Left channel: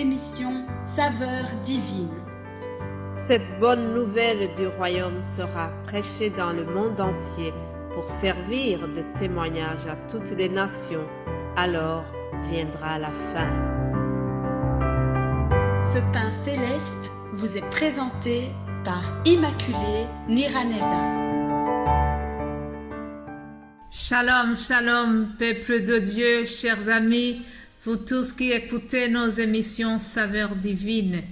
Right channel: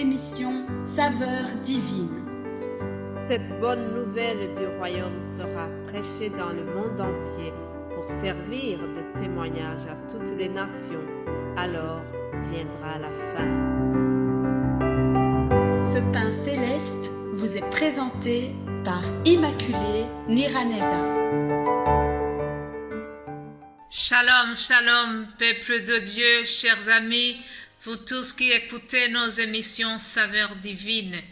l'émission Saveurs divines. Cette bonne nouvelle du royaume sera prêchée dans le monde entier pour servir de témoignage à toutes les nations. Alors viendra la fin. Ce pain céleste vous est présenté par Immaculée Niraneza. Shalom, shalom, peuple de Dieu, chers amis, vous tous qui écoutez nos émissions Saveurs divines,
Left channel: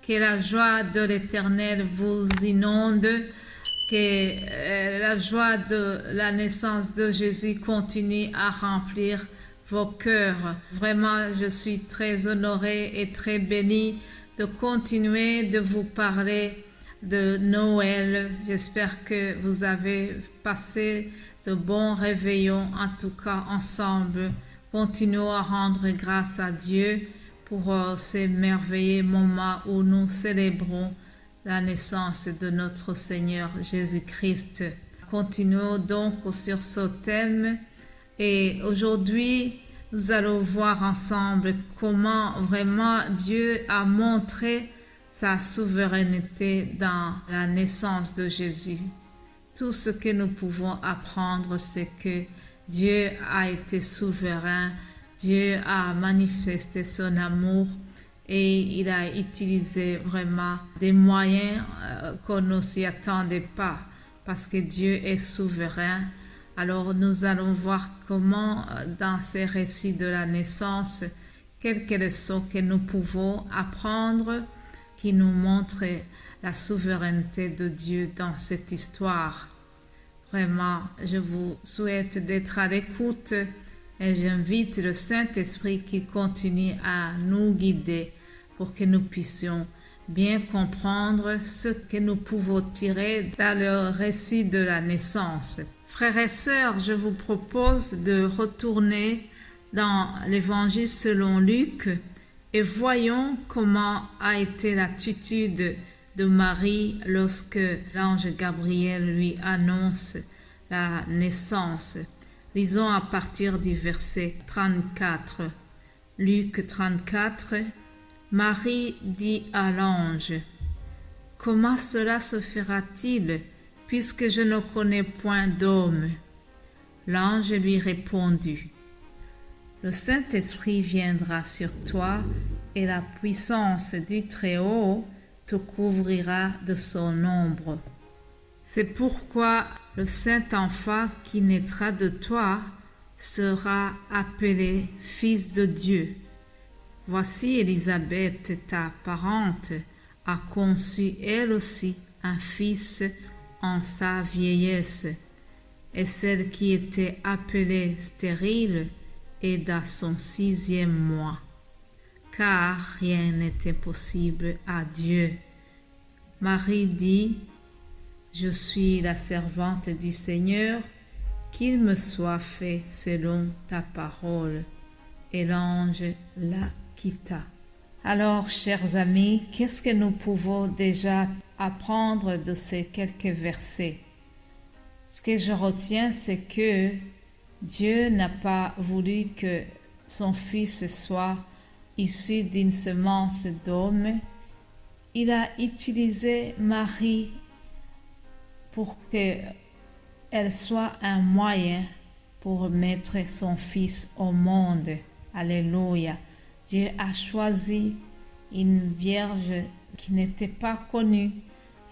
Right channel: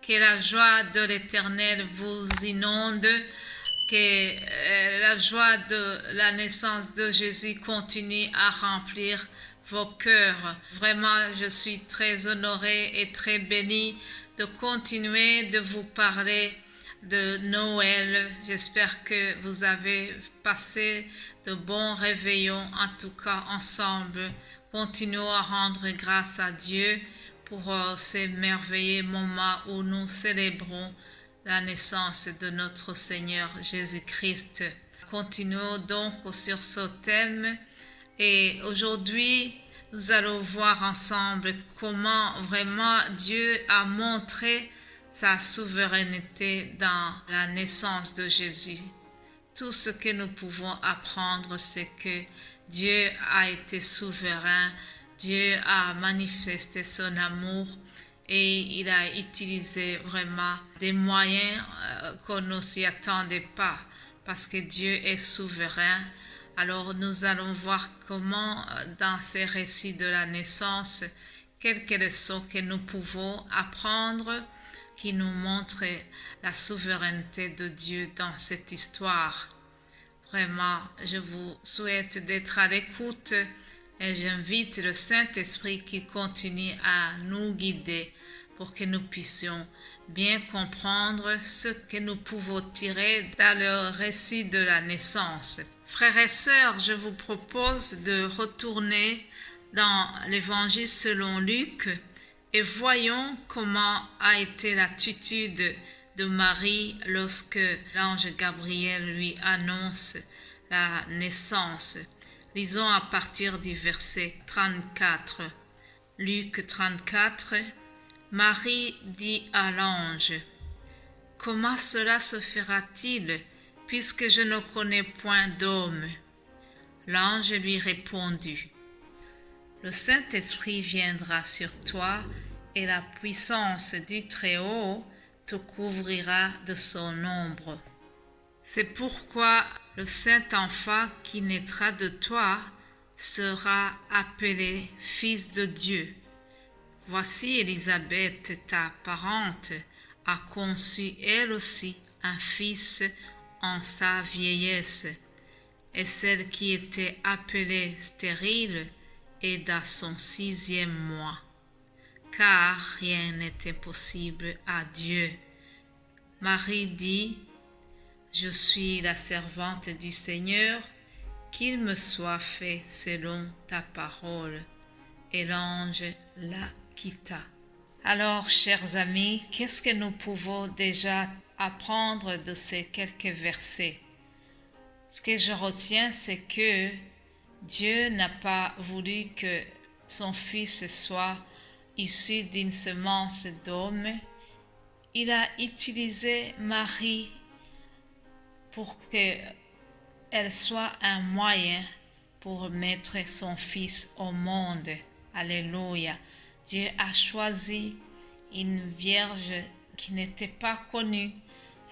que la joie de l'Éternel vous inonde, que la joie de la naissance de Jésus continue à remplir vos cœurs. Vraiment, je suis très honorée et très bénie de continuer de vous parler de Noël. J'espère que vous avez passé de bons réveillons, en tout cas ensemble. Continuons à rendre grâce à Dieu pour ces merveilleux moments où nous célébrons la naissance de notre Seigneur Jésus-Christ. Continuons donc sur ce thème et aujourd'hui nous allons voir ensemble comment vraiment Dieu a montré sa souveraineté dans la naissance de Jésus. Tout ce que nous pouvons apprendre, c'est que Dieu a été souverain, Dieu a manifesté son amour et il a utilisé vraiment des moyens qu'on ne s'y attendait pas parce que Dieu est souverain. Alors nous allons voir comment dans ces récits de la naissance, quelques leçons que nous pouvons apprendre qui nous montrent la souveraineté de Dieu dans cette histoire. Vraiment, je vous souhaite d'être à l'écoute et j'invite le Saint-Esprit qui continue à nous guider pour que nous puissions bien comprendre ce que nous pouvons tirer dans le récit de la naissance. Frères et sœurs, je vous propose de retourner dans l'Évangile selon Luc et voyons comment a été l'attitude de Marie lorsque l'ange Gabriel lui annonce la naissance. Lisons à partir du verset 34. Luc 34. Marie dit à l'ange: « Comment cela se fera-t-il, puisque je ne connais point d'homme ?» L'ange lui répondit: « Le Saint-Esprit viendra sur toi, et la puissance du Très-Haut te couvrira de son ombre. C'est pourquoi le Saint-Enfant qui naîtra de toi sera appelé Fils de Dieu. Voici Élisabeth, ta parente, a conçu elle aussi un fils en sa vieillesse, et celle qui était appelée stérile est dans son 6e mois, car rien n'était possible à Dieu. Marie dit: « Je suis la servante du Seigneur, qu'il me soit fait selon ta parole. » Et l'ange la quitta. Alors, chers amis, qu'est-ce que nous pouvons déjà apprendre de ces quelques versets? Ce que je retiens, c'est que Dieu n'a pas voulu que son fils soit issu d'une semence d'homme. Il a utilisé Marie pour qu'elle soit un moyen pour mettre son fils au monde. Alléluia. Dieu a choisi une vierge qui n'était pas connue.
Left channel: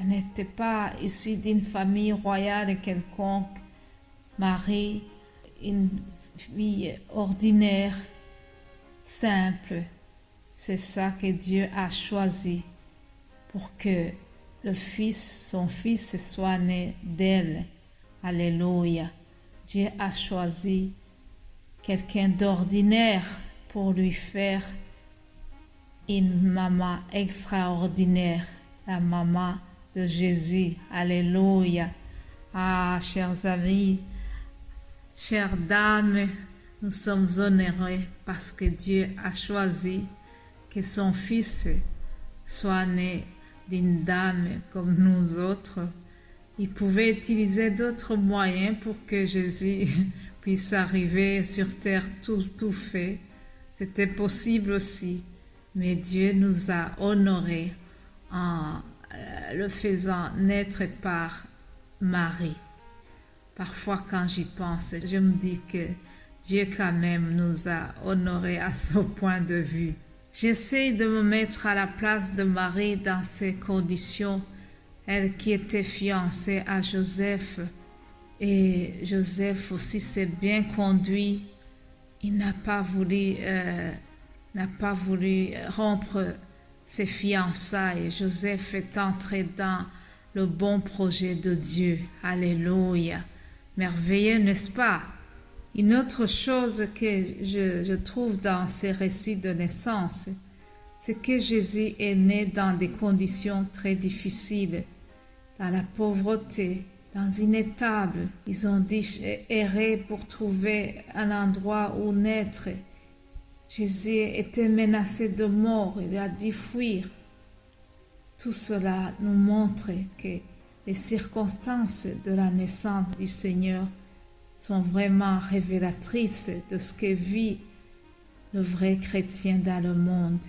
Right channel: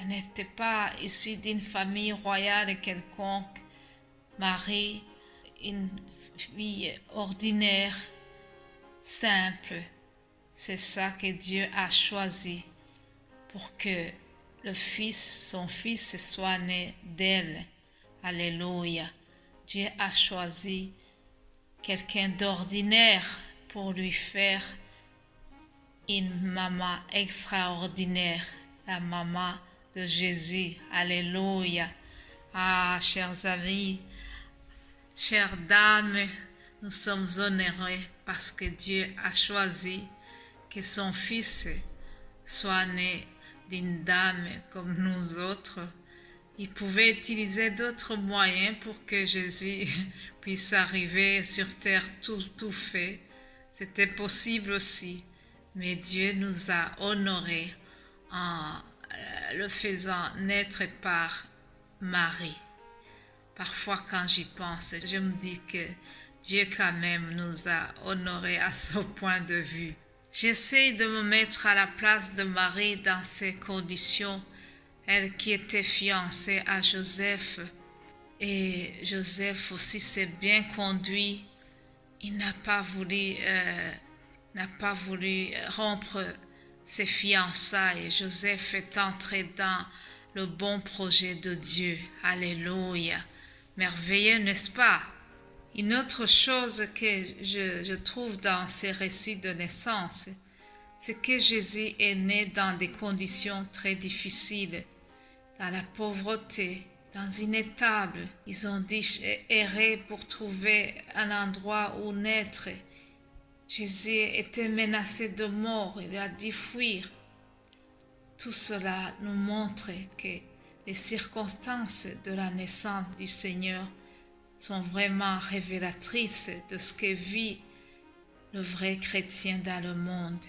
Elle n'était pas issue d'une famille royale quelconque. Marie, une fille ordinaire, simple. C'est ça que Dieu a choisi pour que son fils soit né d'elle. Alléluia. Dieu a choisi quelqu'un d'ordinaire pour lui faire une maman extraordinaire, la maman de Jésus. Alléluia. Ah, chers amis, chères dames, nous sommes honorés parce que Dieu a choisi que son fils soit né d'une dame comme nous autres. Il pouvait utiliser d'autres moyens pour que Jésus puisse arriver sur terre tout fait. C'était possible aussi. mais Dieu nous a honorés en le faisant naître par Marie. Parfois, quand j'y pense, je me dis que Dieu quand même nous a honorés à ce point de vue. J'essaie de me mettre à la place de Marie dans ces conditions, elle qui était fiancée à Joseph. Et Joseph aussi s'est bien conduit. Il n'a pas voulu rompre ses fiançailles. Joseph est entré dans le bon projet de Dieu. Alléluia. Merveilleux, n'est-ce pas? Une autre chose que je trouve dans ces récits de naissance, c'est que Jésus est né dans des conditions très difficiles, dans la pauvreté, dans une étable. Ils ont dit errer pour trouver un endroit où naître. Jésus était menacé de mort, il a dû fuir. Tout cela nous montre que les circonstances de la naissance du Seigneur sont vraiment révélatrices de ce que vit le vrai chrétien dans le monde.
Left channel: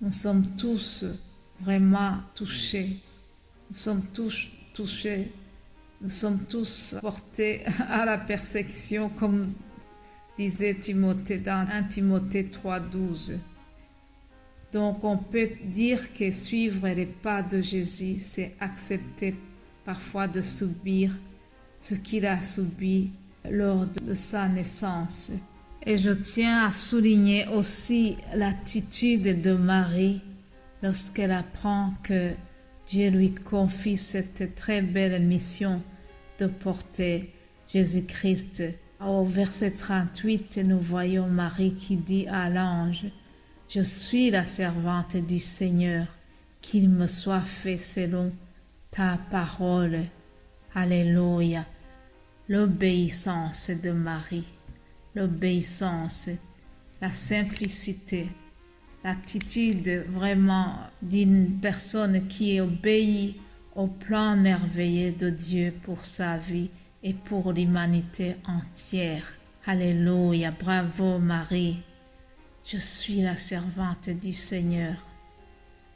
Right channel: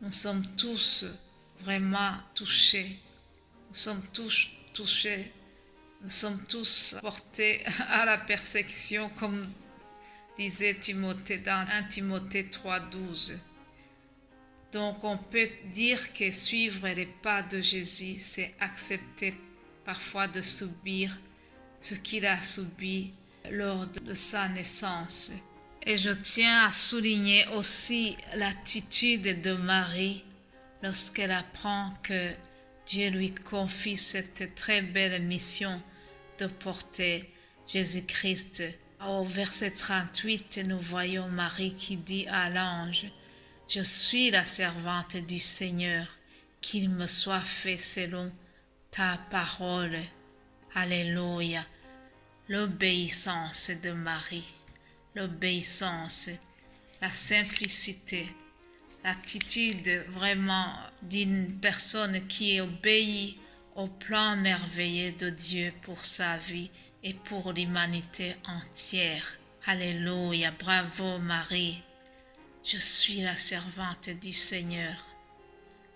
Nous sommes tous vraiment touchés. Nous sommes tous touchés. Nous sommes tous portés à la persécution, comme disait Timothée dans 1 Timothée 3,12. Donc on peut dire que suivre les pas de Jésus, c'est accepter parfois de subir ce qu'il a subi lors de sa naissance. Et je tiens à souligner aussi l'attitude de Marie lorsqu'elle apprend que Dieu lui confie cette très belle mission de porter Jésus-Christ. Au verset 38, nous voyons Marie qui dit à l'ange, « Je suis la servante du Seigneur, qu'il me soit fait selon ta parole. » Alléluia. L'obéissance de Marie, l'obéissance, la simplicité, l'attitude vraiment d'une personne qui obéit au plan merveilleux de Dieu pour sa vie et pour l'humanité entière. Alléluia, bravo Marie. Je suis la servante du Seigneur.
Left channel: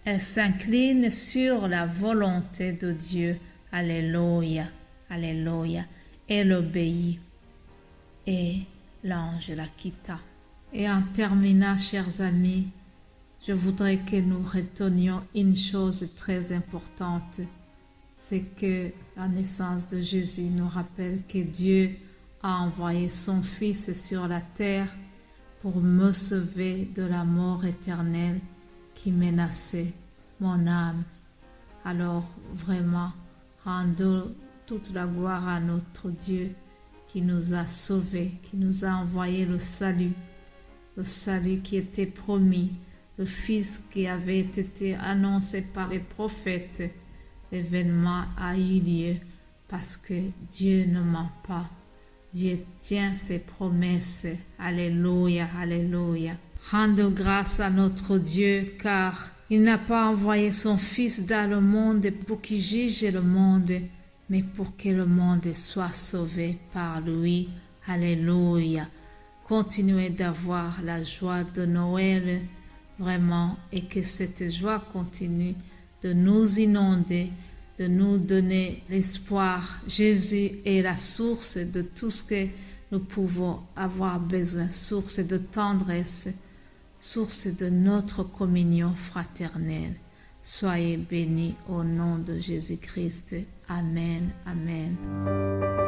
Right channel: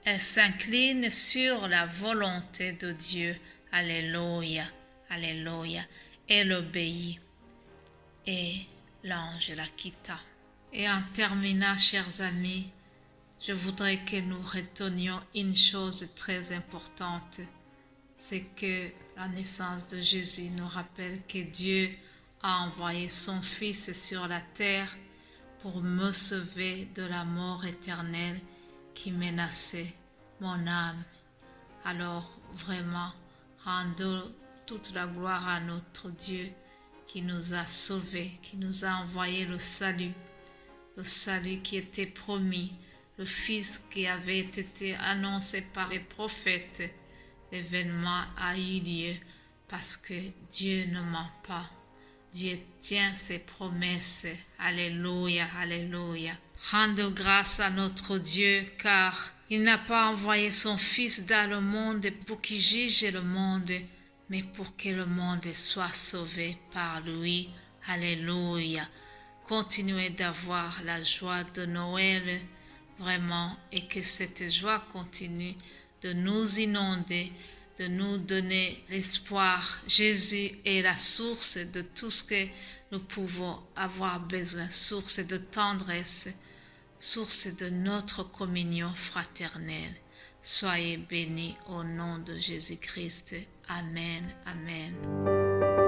Elle s'incline sur la volonté de Dieu. Alléluia, alléluia. Elle obéit. Et l'ange la quitta. Et en terminant, chers amis, je voudrais que nous retenions une chose très importante. C'est que la naissance de Jésus nous rappelle que Dieu a envoyé son Fils sur la terre pour me sauver de la mort éternelle qui menaçait mon âme. Alors vraiment, rendons toute la gloire à notre Dieu qui nous a sauvés, qui nous a envoyé le salut qui était promis, le Fils qui avait été annoncé par les prophètes. L'événement a eu lieu parce que Dieu ne ment pas. Dieu tient ses promesses. Alléluia, alléluia. Rendons grâce à notre Dieu car il n'a pas envoyé son Fils dans le monde pour qu'il juge le monde, mais pour que le monde soit sauvé par lui. Alléluia. Continuez d'avoir la joie de Noël, vraiment, et que cette joie continue de nous inonder, de nous donner l'espoir. Jésus est la source de tout ce que nous pouvons avoir besoin, source de tendresse, source de notre communion fraternelle. Soyez bénis au nom de Jésus-Christ. Amen, amen.